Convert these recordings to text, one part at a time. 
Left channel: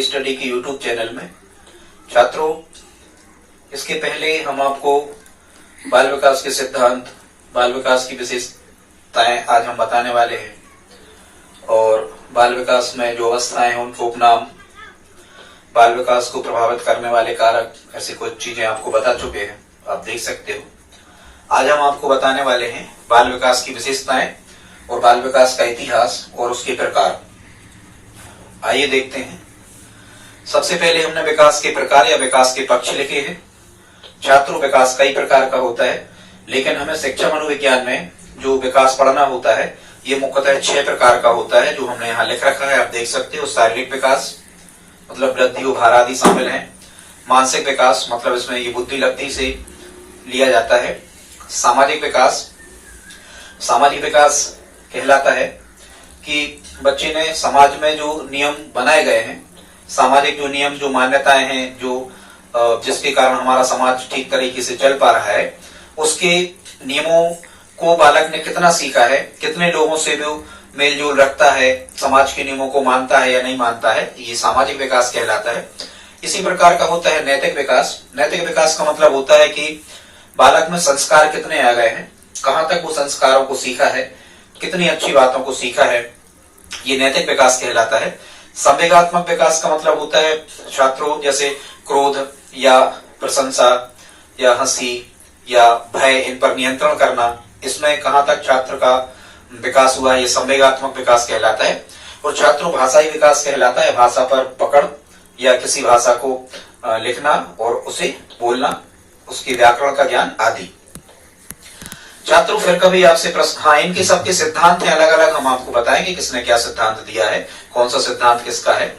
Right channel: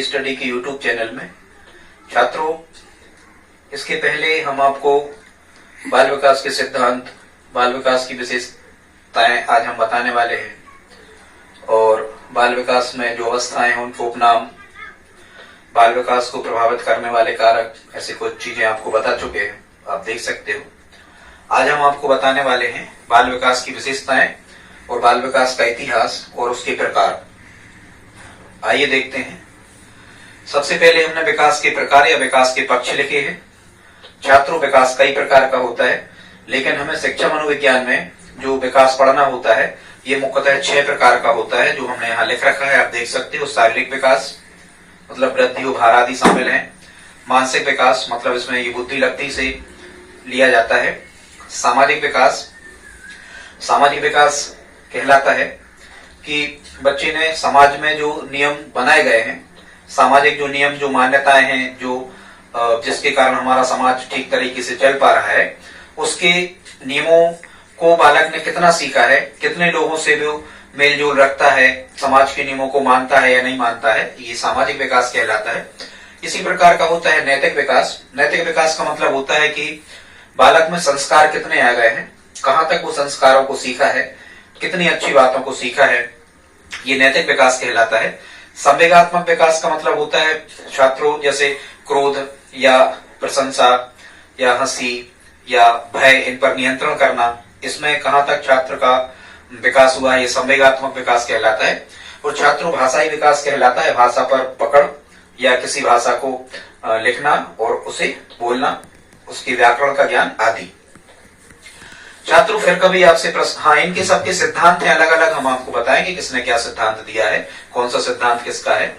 के स्टडी के YouTube channel में। छात्रों, इसके पहले हम आपको बाल विकास के सिद्धांत, बाल विकास की विशेषताएं आज हम बताने वाले हैं और बाल विकास में जो अवस्थाएं हैं उनके उपनाम, बाल विकास को प्रभावित करने वाले कारक, ऐसी कुछ चीजें आपको बता चुके हैं, आप देख सकते हो। आज हम आपको बताने वाले हैं बाल विकास की विशेषताएं और बाल विकास का इतिहास और उसके प्रकार। आइए देखते हैं। सबसे पहले हमने विकास के प्रकार या विकास के पक्ष लिखे हैं। छात्रों, विकास कई प्रकार का होता है, लेकिन हमें शिक्षा मनोविज्ञान में जो विकास पढ़ना होता है ये मुख्यतः 6 प्रकार का होता है, जो हमने यहाँ लिख रखा है। आप देख सकते हो। शारीरिक विकास मतलब वृद्धि, उभार आदि शामिल है। मानसिक विकास मतलब इसमें ये बुद्धि लब्धि से लिया जाता है। सामाजिक विकास, सामाजिक विकास कहलाता है कि बच्चे ने समाज में जो नियम बनाए गए हैं, सामाजिक जो नियम, जो मान्यताएं हैं, जो जिसके कारण हमारा समाज ठीक तरीके से चल पा रहा है, उसके नियमों को बालक ने कितना सीखा है, कितने लोगों से वो मेल जोल रखता है, समाज के नियमों को मानता है या नहीं मानता है, ये सामाजिक विकास कहलाता है। इसी प्रकार का होता है नैतिक विकास। नैतिक विकास का मतलब होता है कि बालक में संस्कार कितने आ गए हैं, कहां तक वो संस्कारों को सीखा है, कितनी अच्छी बातों को सीखा है, ये नैतिक विकास कहलाता है। संवेगात्मक विकास का मतलब होता है छात्रों, जैसे क्रोध या प्रशंसा या हंसी या भय, इन पर नियंत्रण करना, इसमें कहां तक छात्र का विकास हुआ है, ये संवेगात्मक विकास कहलाता है। और छात्रों, भाषाई विकास कहलाता है, भाषा पर पकड़ या किसी भाषा को लिखना और उसे बोलना, उसकी व्याकरण का ज्ञान आदि। छात्रों, फिर कभी आपसे प्रश्न, हाँ, इनके सबके सिद्धांत हैं अलग अलग, हम आपको बताएंगे किसने क्या सिद्धांत दिया है, कौन सा सिद्धांत किसका है।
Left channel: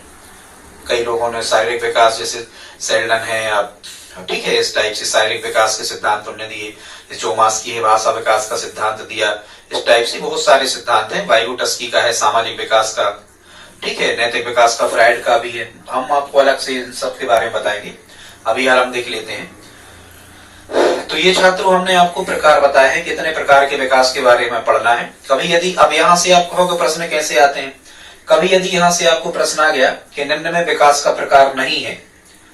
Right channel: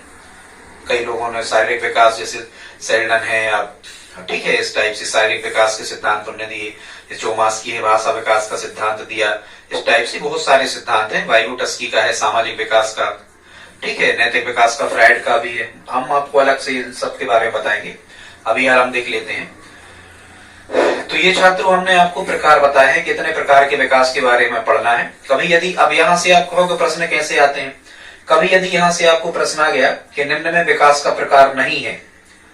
कई लोगों ने शारीरिक विकास, जैसे सेल्डन है, आप ठीक है, इस टाइप से शारीरिक विकास के सिद्धांत उन्होंने दिए। चोमास्की है, भाषा विकास का सिद्धांत दिया। इस टाइप से बहुत सारे सिद्धांत हैं। वाइगोटस्की का है सामाजिक विकास का, ठीक है, नैतिक विकास का फ्राइड का भी है। हम आपको अलग से इन सब के बारे में बताएंगे। अभी यार हम देख लेते हैं। तो ये छात्रों, हमने आपको प्रकार बताए हैं, कितने प्रकार के विकास के बारे में पढ़ना है। कभी यदि अब यहाँ से आप कहोगे प्रश्न कैसे आते हैं, कभी यदि यहाँ से आपको प्रश्न आ गया कि निम्न में विकास का प्रकार नहीं है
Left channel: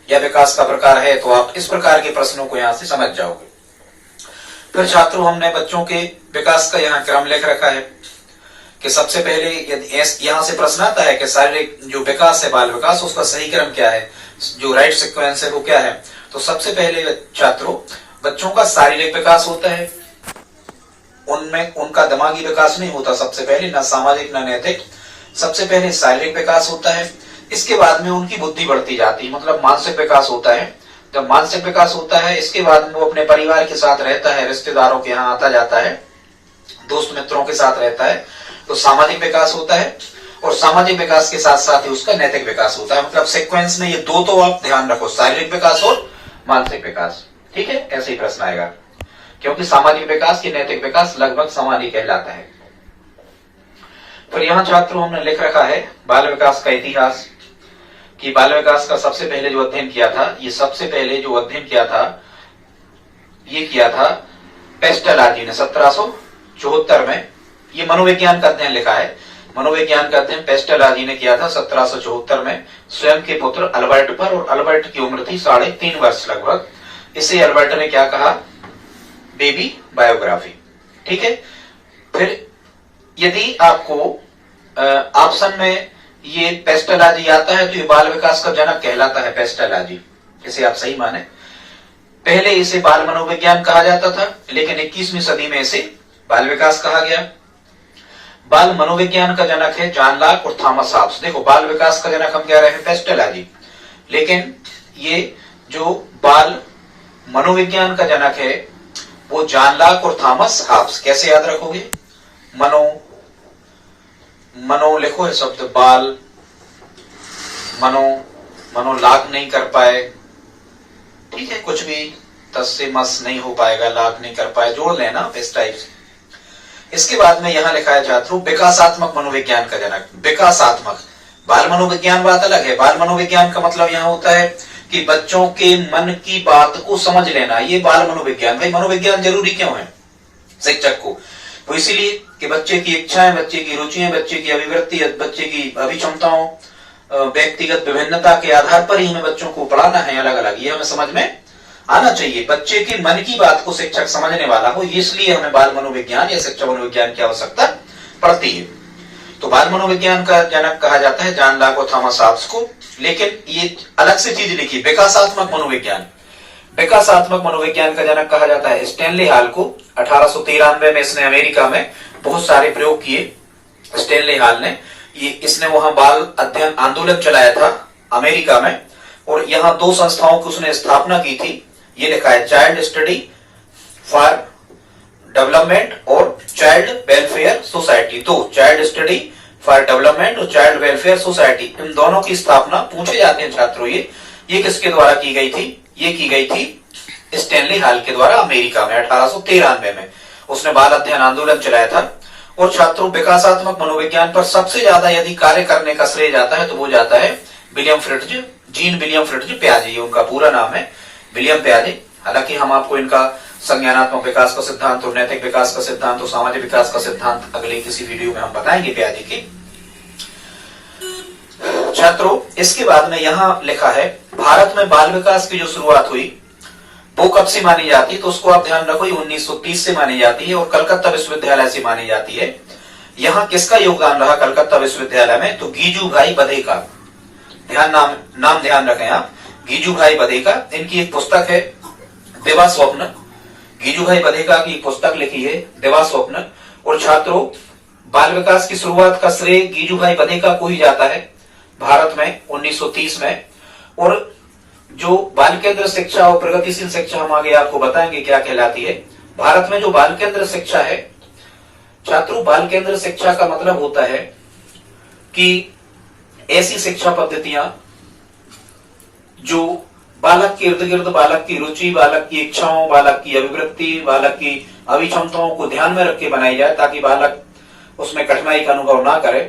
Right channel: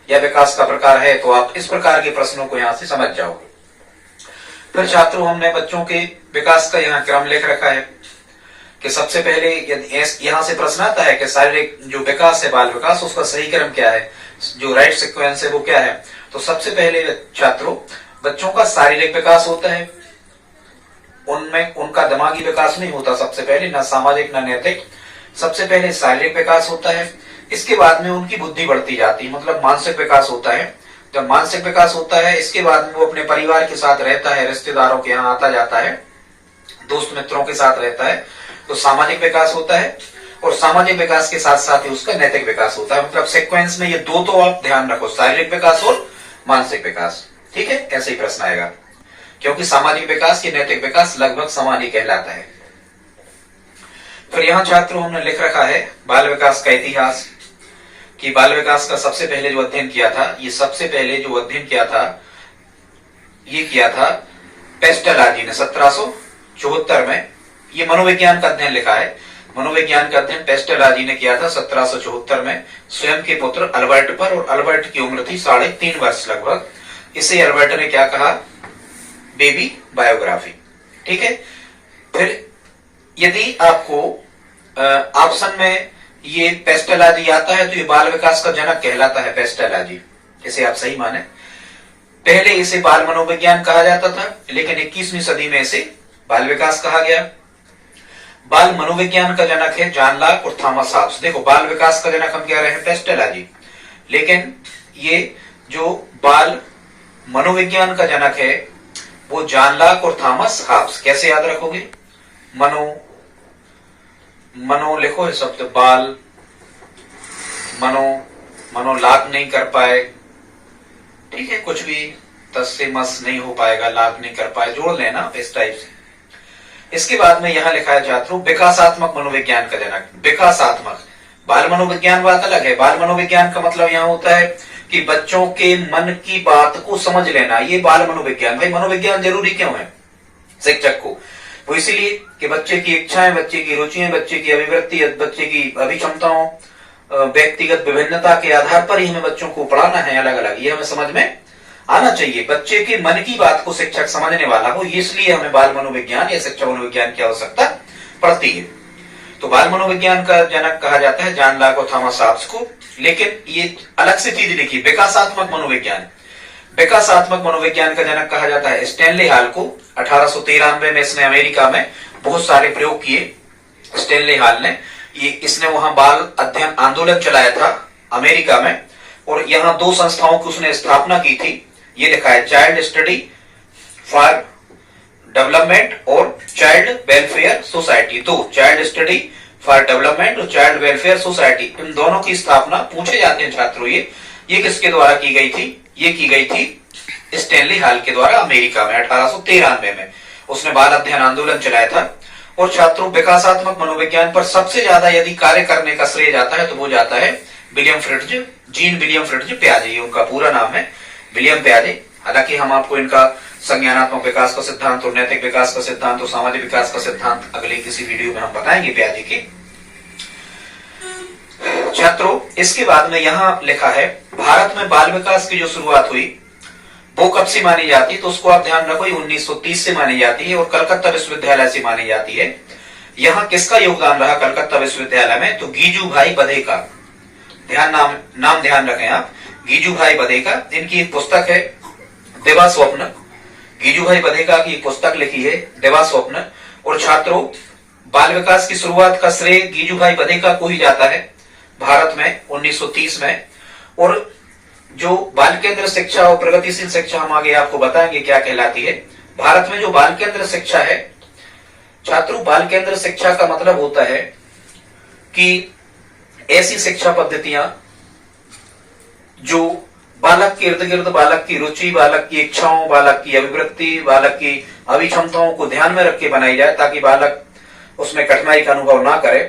या विकास का प्रकार है, तो आप इस प्रकार के प्रश्नों को यहाँ से समझ जाओगे। फिर छात्रों, हमने बच्चों के विकास का यहाँ क्रम लिख रखा है कि सबसे पहले यदि यहाँ से प्रश्न आता है कि शारीरिक जो विकास है, बाल विकास, उसका सही क्रम क्या है, जो राइट सीक्वेंस है वो क्या है। तो सबसे पहले छात्रों, बच्चों का शारीरिक विकास होता है, उनमें उनका दिमागी विकास नहीं होता सबसे पहले, ना सामाजिक ना नैतिक। सबसे पहले शारीरिक विकास होता है, इसके बाद में उनकी बुद्धि बढ़ती जाती है, मतलब मानसिक विकास होता है। जब मानसिक विकास होता है, इसके बाद में वो अपने परिवार के साथ रहता है, रिश्तेदारों के यहाँ आता जाता है, दोस्त मित्रों के साथ रहता है, तो सामाजिक विकास होता है। और सामाजिक विकास के साथ साथ ही उसका नैतिक विकास होता है। मतलब सीक्वेंस में ये दो तो आप ध्यान रखो, शारीरिक विकास और मानसिक विकास, ठीक है, ऐसे ही प्रश्न आएगा, क्योंकि सामाजिक विकास की नैतिक विकास लगभग समान ही कहलाता है। फिर यहाँ छात्रों, हमने लिख रखा है बाल विकास का इतिहास, कि बाल विकास का सबसे पहले जो अध्ययन किया था, ये सबसे पहले जो अध्ययन किया था, ये किया था पेस्टलाजी ने 1774 में। ये मनोविज्ञान का अध्ययन लिखा है, मनोविज्ञान का अध्ययन पेस्टलाजी ने किया था 1774 में, स्वयं के पुत्र अल्बर्ट पर। और अल्बर्ट की उम्र थी 3.5 वर्ष लगभग। इसे अल्बर्ट ने क्या कहा, बेबी बायोग्राफी, ठीक है। फिर यदि आपको ऑप्शन में ये पेस्टलाजी आता है, तो ये बाल विकास का जनक कहलाता है पेस्टलाजी, इसे आप सही माने। पहले इसे बाल मनोविज्ञान कहा जाता था, लेकिन 21वीं सदी में इसे बाल विकास कहा गया। बाल मनोविज्ञान का जनक है जॉन लॉक और थॉमस हॉब्स। देखो, बाल विकास का जनक हम कह रहे हैं पेस्टलाजी, लेकिन ये जो बाल मनोविज्ञान का जनक है वो जॉन लॉक और थॉमस हॉब्स। कैसे याद रखोगे, मनो लिखो है शब्द, बाल मनो लॉक नहीं कर पाए, ठीक है, कुछ भी तस से मस नहीं हो पाएगा, लॉक नहीं कर पाए, जोड़ लेना इस टाइप से। इसके बाद में यहां लिखा है छात्रों, विकासात्मक मनोविज्ञान का जनक। विकासात्मक, बाल मनोविज्ञान बात अलग है। बाल मनोविज्ञान का मतलब यहां होता है कि बच्चों के मन की बात को समझ लेना, ये बाल मनोविज्ञान। भाई, मनोविज्ञान जरूरी क्यों है शिक्षक को? वो इसीलिए कि बच्चे की इच्छाएं, बच्चे की रुचियां, बच्चे की अभिवृत्ति, बच्चे की अभिक्षमताओं व्यक्तिगत विभिन्नता के आधार पर ही हमें बच्चों को पढ़ाना है अलग अलग, ये हमें समझ में आना चाहिए। बच्चे के मन की बात को शिक्षक समझने वाला हो, इसलिए हमें बाल मनोविज्ञान या शिक्षा मनोविज्ञान की आवश्यकता पड़ती है। तो बाल मनोविज्ञान का जनक कहा जाता है जॉन लॉक और थॉमस हॉब्स को। लेकिन ये अलग से चीज लिखी, विकासात्मक मनोविज्ञान। विकासात्मक मनोविज्ञान का जनक कहा जाता है स्टैनली हॉल को। 1893 में इसने अमेरिका में बहुत सारे प्रयोग किए। स्टैनली हॉल ने इसने वहां बाल अध्ययन आंदोलन चलाया था अमेरिका में, और यहां 2 संस्थाओं की उसने स्थापना की थी। ये लिखा है चाइल्ड स्टडी फॉर डेवलपमेंट और चाइल्ड वेलफेयर सोसाइटी। तो चाइल्ड स्टडी फॉर डेवलपमेंट और चाइल्ड वेलफेयर सोसाइटी, इन दोनों की स्थापना पूछे जाते हैं छात्रों ये किसके द्वारा की गई थी? ये की गई थी स्टैनली हॉल के द्वारा अमेरिका में 1893 में। उसने बाल अध्ययन आंदोलन चलाया था। और छात्रों, विकासात्मक मनोविज्ञान पर सबसे ज्यादा यदि कार्य करने का श्रेय जाता है तो वो जाता है William Fritz, Jean William Fritz प्याजे, उनका पूरा नाम है विलियम प्याजे। हालांकि हम आपको इनका संज्ञानात्मक विकास का सिद्धांत और नैतिक विकास का सिद्धांत और सामाजिक विकास का सिद्धांत अगले किसी वीडियो में हम बताएंगे प्याजे के। छात्रों, इसके बाद में यहां लिखा है भारत में बाल विकास की जो शुरुआत हुई वो कब से मानी जाती है? तो उसको आप ध्यान रखो, 1930 से मानी जाती है और कलकत्ता विश्वविद्यालय से मानी जाती है। यहां किसका योगदान रहा कलकत्ता विश्वविद्यालय में? तो गीजू भाई बधे का। नाम ध्यान रखें आप, गीजू भाई बधे का। इनकी एक पुस्तक है दिवा स्वप्न। गीजू भाई बधेका की पुस्तक लिखी है दिवा स्वप्न। और छात्रों, बाल विकास की शुरुआत का श्रेय गीजू भाई बधेका को ही जाता है भारत में 1930 में। और जो बाल केंद्र शिक्षा और प्रगतिशील शिक्षा हम आगे आपको बताएंगे क्या कहलाती है। भारत में जो बाल केंद्र शिक्षा है छात्रों, बाल केंद्र शिक्षा का मतलब होता है कि ऐसी शिक्षा पद्धतियां जो बालक के इर्द गिर्द बालक की रुचि, बालक की इच्छाओं, बालक की अभिवृत्ति, बालक की अभिक्षमताओं को ध्यान में रख के बनाई जाए ताकि बालक उसमें कठिनाई का अनुभव ना करे,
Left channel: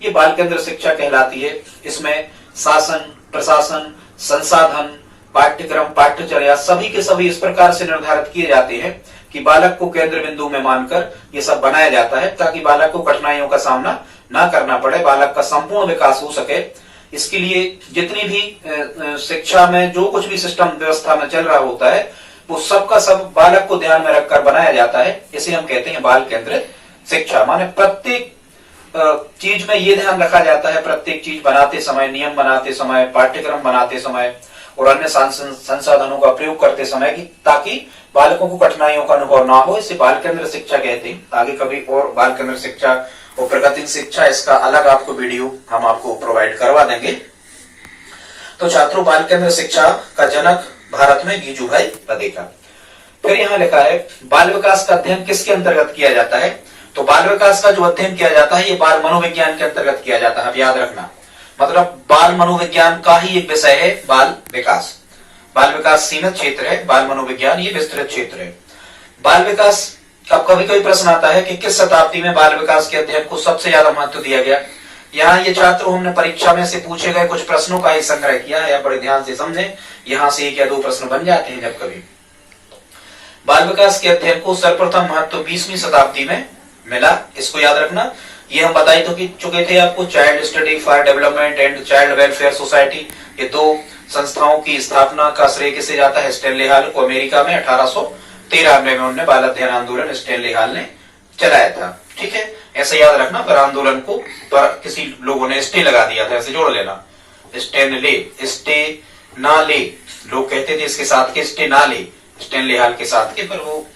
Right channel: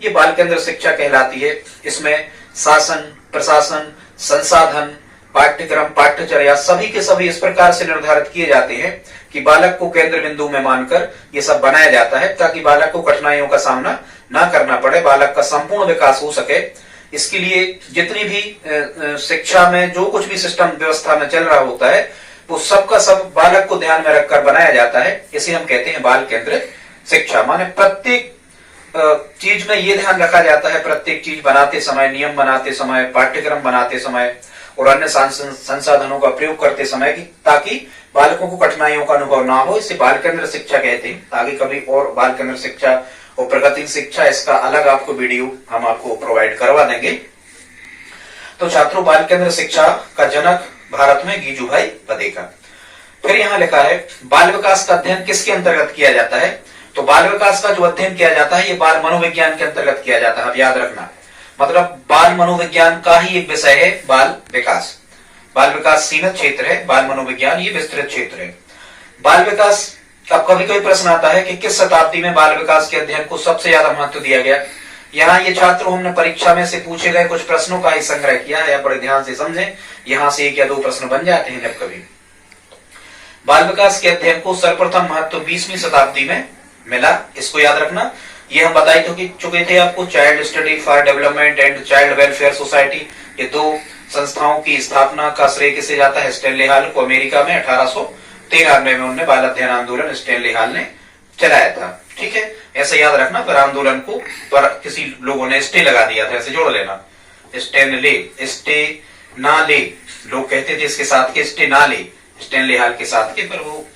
ये बाल केंद्र शिक्षा कहलाती है। इसमें शासन, प्रशासन, संसाधन, पाठ्यक्रम, पाठ्यचर्या सभी के सभी इस प्रकार से निर्धारित किए जाते हैं कि बालक को केंद्र बिंदु में मानकर ये सब बनाया जाता है ताकि बालक को कठिनाइयों का सामना ना करना पड़े, बालक का संपूर्ण विकास हो सके। इसके लिए जितनी भी शिक्षा में जो कुछ भी सिस्टम व्यवस्था में चल रहा होता है वो सबका सब बालक को ध्यान में रखकर बनाया जाता है। इसे हम कहते हैं बाल केंद्रित शिक्षा। माने प्रत्येक चीज में ये ध्यान रखा जाता है, प्रत्येक चीज बनाते समय, नियम बनाते समय, पाठ्यक्रम बनाते समय और अन्य संसाधनों का प्रयोग करते समय कि ताकि बालकों को कठिनाइयों का अनुभव ना हो। इसे बाल केंद्र शिक्षा कहते हैं। आगे कभी और बाल केंद्र शिक्षा और प्रगति शिक्षा इसका अलग आपको वीडियो हम आपको प्रोवाइड करवा देंगे। तो छात्रों, बाल केंद्र शिक्षा का जनक भारत में गीजू भाई बधेका। फिर यहाँ लिखा है बाल विकास का अध्ययन किसके अंतर्गत किया जाता है? तो बाल विकास का जो अध्ययन किया जाता है ये बाल मनोविज्ञान के अंतर्गत किया जाता है। अब याद रखना, मतलब बाल मनोविज्ञान का ही एक विषय है बाल विकास। बाल विकास सीमित क्षेत्र है, बाल मनोविज्ञान ये विस्तृत क्षेत्र है। बाल विकास अब कभी कभी प्रश्न आता है कि किस शताब्दी में बाल विकास के अध्ययन को सबसे ज्यादा महत्व दिया गया। यहाँ ये छात्रों हमने परीक्षा में से पूछे गए कुछ प्रश्नों का ही संग्रह किया है, बड़े ध्यान से समझें। यहाँ से 1 या 2 प्रश्न बन जाते हैं जब कभी। बाल विकास के अध्ययन को सर्वप्रथम महत्व 20वीं शताब्दी में मिला, इसको याद रखना। ये हम बताई तो चुके थे आपको, child study for development and child welfare society, ये 2 संस्थाओं की स्थापना का श्रेय किसे जाता है? स्टैनली हॉल को। अमेरिका में 1893 में उन्होंने बाल अध्ययन आंदोलन स्टैनली हॉल ने चलाया था। ठीक है, ऐसे याद रखना। पर आंदोलन को पर किसी लोगों ने स्टे लगा दिया था, ऐसे जोड़ लेना। स्टे ना ले, लोग कहते थे इसके साथ के स्टे ना ले, स्टैनली हॉल के साथ के, पर वो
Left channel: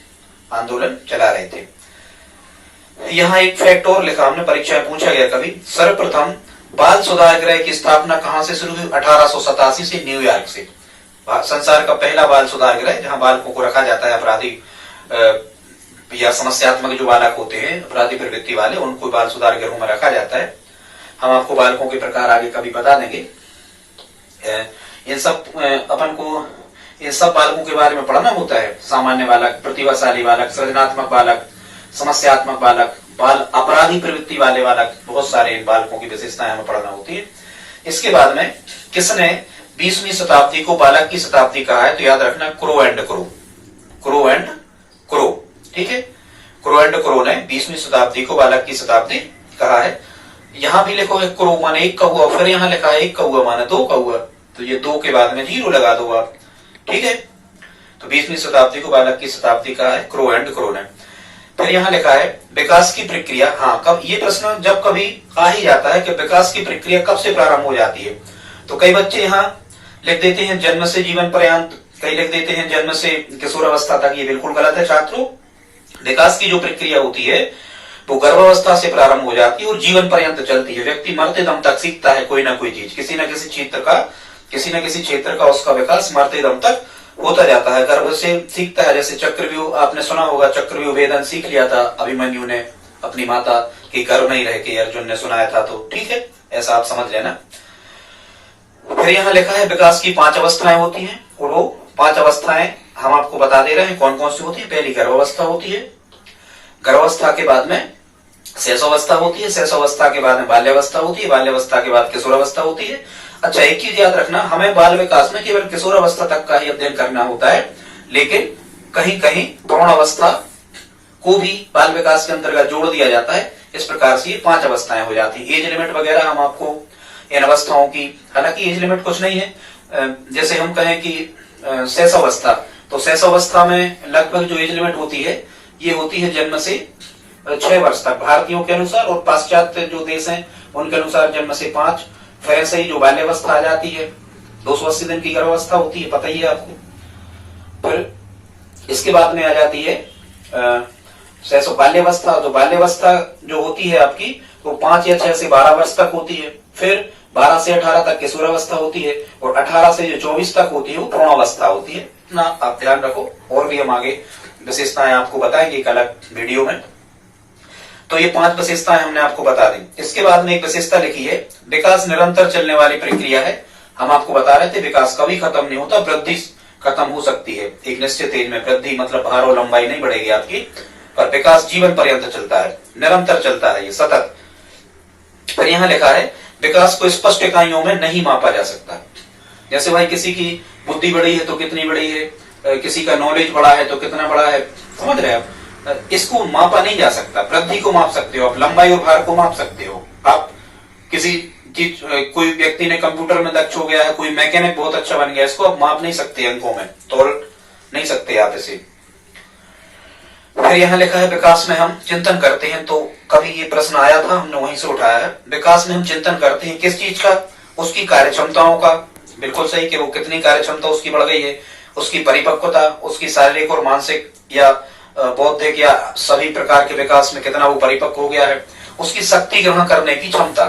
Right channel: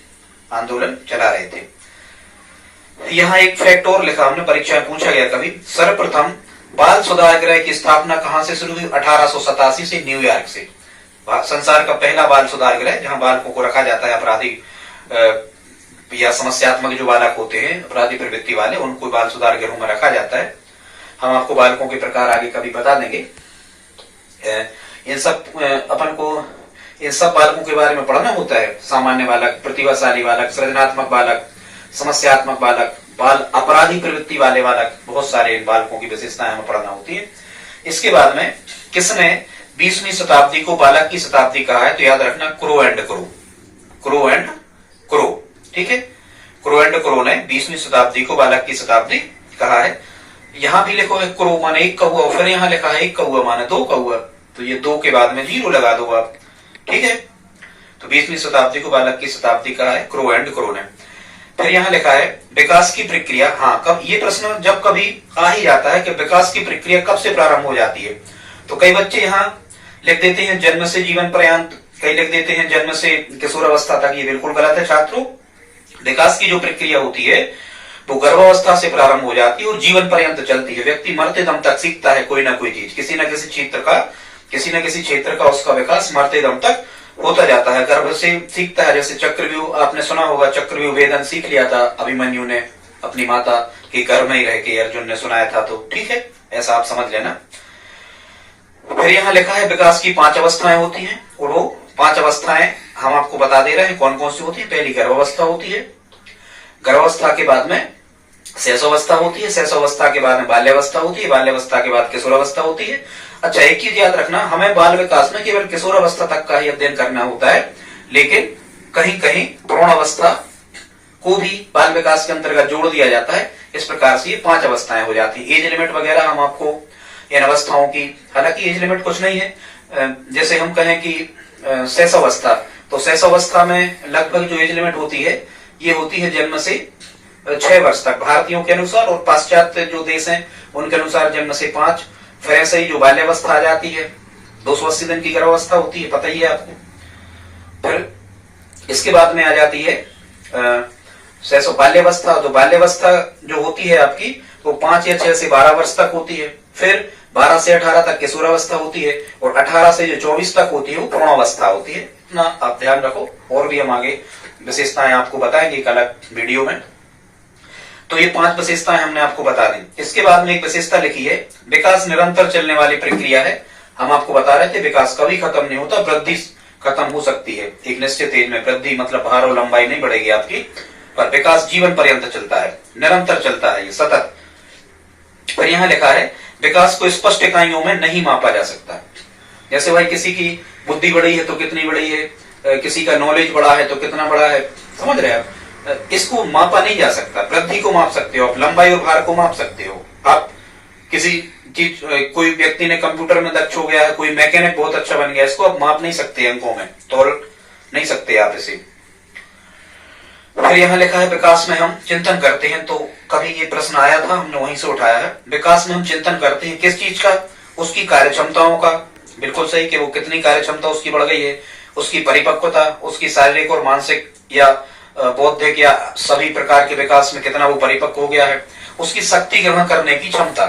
आंदोलन चला रहे थे। यहाँ एक फैक्ट और लिखा हमने, परीक्षा में पूछा गया कभी। सर्वप्रथम बाल सुधार गृह की स्थापना कहां से शुरू हुई? 1887 से न्यूयॉर्क से। संसार का पहला बाल सुधार गृह जहां बालकों को रखा जाता है, अपराधी या समस्यात्मक जो बालक होते हैं, अपराधी प्रवृत्ति वाले, उनको बाल सुधार गृहों में रखा जाता है। हम आपको बालकों के प्रकार आगे कभी बता देंगे। इन सब अपन को इन सब बालकों के बारे में पढ़ना होता है। सामान्य बालक, प्रतिभाशाली बालक, सृजनात्मक बालक, समस्यात्मक बालक, बाल अपराधी प्रवृत्ति वाले बालक, बहुत सारे इन बालकों की विशेषताएं हमें पढ़ना होती है। इसके बाद में किसने 20वीं शताब्दी को बालक की शताब्दी कहा है? तो याद रखना, क्रो एंड क्रो। ठीक है, क्रो एंड क्रो ने 20वीं शताब्दी को बालक की शताब्दी कहा है। यहाँ भी लिखो है क्रो माने एक का हुआ, फिर यहाँ लिखा है एक का हुआ माने दो का हुआ, तो ये दो के बाद में जीरो लगा दो आप, ठीक है। तो 20वीं शताब्दी को बालक की शताब्दी कहा है क्रो एंड क्रो ने। फिर यहाँ लिखा है विकास की प्रक्रिया, हाँ कब, ये प्रश्न जब कभी आ ही जाता है कि विकास की प्रक्रिया कब से प्रारंभ हो जाती है, तो कई बच्चे यहाँ लिख देते हैं जन्म से जीवन पर्यंत, कई लिख देते हैं जन्म से किशोरावस्था तक। ये बिल्कुल गलत है छात्रों। विकास की जो प्रक्रिया होती है वो गर्भावस्था से प्रारंभ हो जाती है और जीवन पर्यंत चलती है। व्यक्ति मरते दम तक सीखता है कोई ना कोई चीज, किसी न किसी क्षेत्र का उसका विकास मरते दम तक होता जाता है। गर्भ से सीखता है, जैसे चक्रव्यूह आपने सुना होगा, चक्रव्यूह वेदन सीख लिया था अभिमन्यु ने अपनी माता के गर्भ में ही रह के, अर्जुन ने सुनाया था, तो ठीक है, ऐसा आप समझ लेना। फिर यहाँ लिखा है विकास की 5 अवस्थाएं होती हैं, और वो 5 अवस्थाएं हम आपको बता दे रहे हैं कौन कौन सी होती है। पहली गर्भावस्था होती है, गर्भावस्था के बाद में शैशवावस्था होती है, शैशवावस्था के बाद में बाल्यावस्था होती है, बाल्यावस्था के बाद किशोरावस्था होती है। अच्छा, एक चीज याद रखना, हमें बाल विकास में केवल किशोरावस्था तक का ही अध्ययन करना होता है, लेकिन कहीं कहीं प्रौढ़ावस्था को भी बाल विकास के अंतर्गत जोड़ दिया जाता है। इस प्रकार से ये 5 अवस्थाएं हो जाती है। एज लिमिट वगैरह हम आपको इन अवस्थाओं की, हालांकि एज लिमिट कुछ नहीं है, जैसे हम कहें कि शैशवावस्था, तो शैशवावस्था में लगभग जो एज लिमिट होती है ये होती है जन्म से 6 वर्ष तक भारतीयों के अनुसार, और पाश्चात्य जो देश हैं उनके अनुसार जन्म से 5। फिर ऐसे ही जो बाल्यावस्था आ जाती है 280 दिन की गर्भावस्था होती है, पता ही है आपको। फिर इसके बाद में आ जाती है बाल्यावस्था, तो बाल्यावस्था जो होती है आपकी वो 5 या 6 से 12 वर्ष तक होती है। फिर 12 से 18 तक किशोरावस्था होती है, और 18 से जो 24 तक होती है वो प्रौढ़ावस्था होती है ना, आप ध्यान रखो। और भी हम आगे विशेषताएं आपको बताएंगे एक अलग वीडियो में। तो ये 5 विशेषताएं हमने आपको बता दी। इसके बाद में एक विशेषता लिखी है विकास निरंतर चलने वाली प्रक्रिया है। हम आपको बता रहे थे विकास कभी खत्म नहीं होता, वृद्धि खत्म हो सकती है एक निश्चित एज में, वृद्धि मतलब भार और लंबाई नहीं बढ़ेगी आपकी, पर विकास जीवन पर्यंत चलता है, निरंतर चलता है, ये सतत। फिर यहाँ लिखा है विकास को स्पष्ट इकाइयों में नहीं मापा जा सकता। जैसे भाई किसी की बुद्धि बड़ी है तो कितनी बड़ी है, किसी का नॉलेज बड़ा है तो कितना बड़ा है, समझ रहे हैं आप, इसको मापा नहीं जा सकता। वृद्धि को माप सकते हो आप, लंबाई और भार को माप सकते हो आप। किसी चीज, कोई व्यक्ति ने कंप्यूटर में दक्ष हो गया है, कोई मैकेनिक बहुत अच्छा बन गया, इसको आप माप नहीं सकते, अंकों में तोल नहीं सकते आप इसे। फिर यहाँ लिखा है विकास में हम चिंतन करते हैं, तो कभी ये प्रश्न आया था, हमने वहीं से उठाया है। विकास में हम चिंतन करते हैं किस चीज का, उसकी कार्य क्षमताओं का। बिल्कुल सही कि वो कितनी कार्य क्षमता उसकी बढ़ गई है, उसकी परिपक्वता, उसकी शारीरिक और मानसिक या बौद्धिक या सभी प्रकार के विकास में कितना वो परिपक्व हो गया है, उसकी शक्ति ग्रहण करने की क्षमता।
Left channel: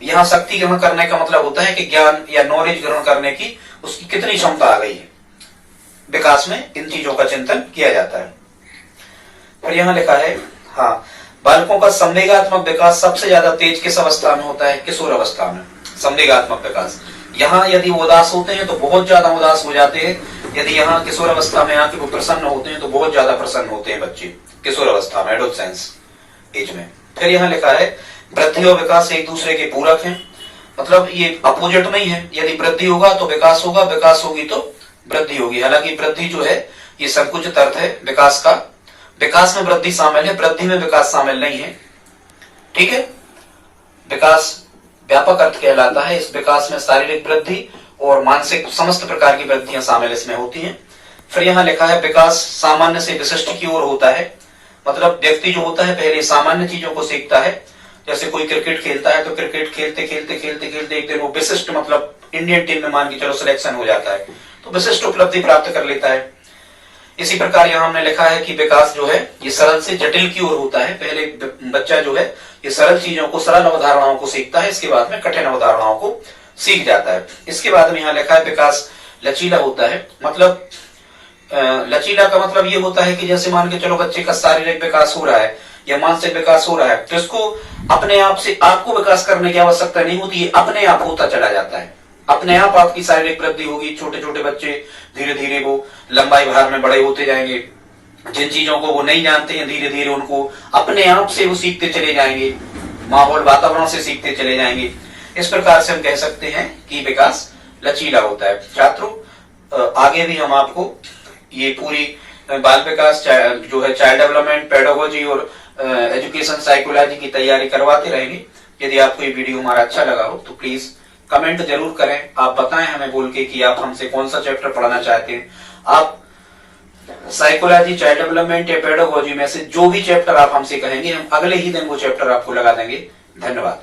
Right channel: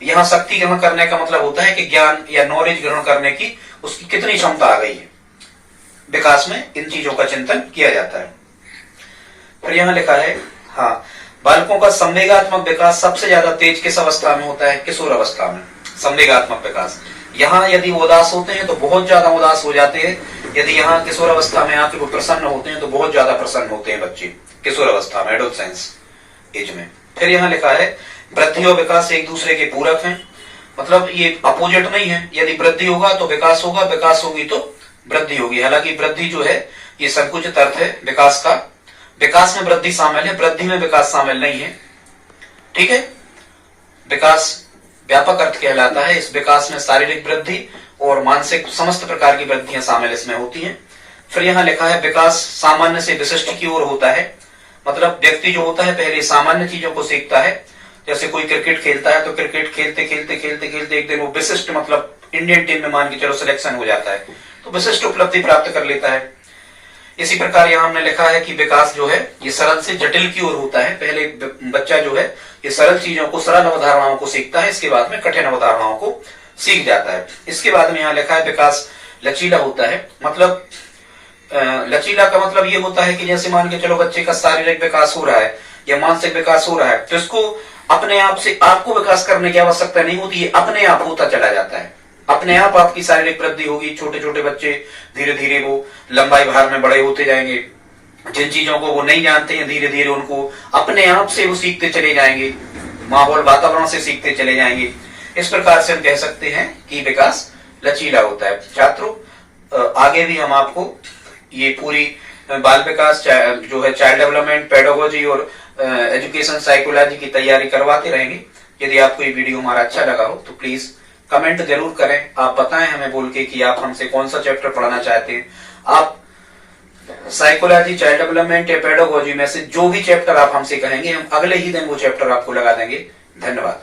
यहाँ शक्ति ग्रहण करने का मतलब होता है कि ज्ञान या नॉलेज ग्रहण करने की उसकी कितनी क्षमता आ गई है। विकास में इन चीजों का चिंतन किया जाता है। फिर यहाँ लिखा है, हाँ, बालकों का संवेगात्मक विकास सबसे ज्यादा तेज किस अवस्था में होता है, किशोर अवस्था में। संवेगात्मक विकास, यहाँ यदि वो उदास होते हैं तो बहुत ज्यादा उदास हो जाते हैं, यदि यहाँ किशोर अवस्था में आके वो प्रसन्न होते हैं तो बहुत ज्यादा प्रसन्न होते हैं बच्चे किशोर अवस्था में, एडोलसेंस एज में। फिर यहाँ लिखा है वृद्धि और विकास एक दूसरे के पूरक हैं, मतलब ये अपोजिट नहीं है। यदि वृद्धि होगा तो विकास होगा, विकास होगी तो वृद्धि होगी। हालांकि वृद्धि जो है ये संकुचित अर्थ है विकास का, विकास में वृद्धि शामिल है, वृद्धि में विकास शामिल नहीं है, ठीक है। विकास व्यापक अर्थ कहलाता है। इस विकास में शारीरिक वृद्धि और मानसिक समस्त प्रकार की वृद्धियां शामिल इसमें होती हैं। फिर यहाँ लिखा है विकास सामान्य से विशिष्ट की ओर होता है, मतलब व्यक्ति जो होता है पहले सामान्य चीजों को सीखता है। जैसे कोई क्रिकेट खेलता है तो क्रिकेट खेलते खेलते खेलते खेलते एक दिन वो विशिष्ट, मतलब इंडियन टीम में मान के चलो सिलेक्शन हो जाता है, तो विशिष्ट उपलब्धि प्राप्त कर लेता है। इसी प्रकार यहाँ हमने लिखा है कि विकास जो है ये सरल से जटिल की ओर होता है। पहले बच्चा जो है ये सरल चीजों को, सरल अवधारणाओं को सीखता है, इसके बाद में कठिन अवधारणाओं को सीख जाता है। इसके बाद में यहाँ लिखा है विकास लचीला होता है, मतलब लचीला का मतलब ये होता है कि जैसे मान के चलो बच्चे का शारीरिक विकास हो रहा है या मानसिक विकास हो रहा है, तो इसको अपने आप से आपको विकास करने की आवश्यकता नहीं होती है, अपने आप होता चला जाता है। अपने आप आपकी शारीरिक वृद्धि होगी। छोटे छोटे बच्चे धीरे धीरे वो लंबाई भार में बड़े होते जाएंगे, जिन चीजों को वो नहीं जानते हैं धीरे धीरे उनको अपने आप से वो सीखते चले जाएंगे, माहौल वातावरण से सीखते चले जाएंगे। इस प्रकार से हम कह सकते हैं कि विकास लचीला होता है। छात्रों आगे भी हम आपको ये पूरी बाल विकास जो है चाइल्ड डेवलपमेंट, पेडागोजी और एजुकेशन साइकोलॉजी की तैयारी करवाते रहेंगे। यदि आपको ये वीडियो हमारा अच्छा लगा हो तो प्लीज कमेंट जरूर करें। आप बताएं हमें बोल के कि आप हमसे कौन सा चैप्टर पढ़ाना चाहते हैं। आप साइकोलॉजी, चाइल्ड डेवलपमेंट या पेडागोजी में से जो भी चैप्टर आप हमसे कहेंगे, हम अगले ही दिन वो चैप्टर आपको लगा देंगे। धन्यवाद।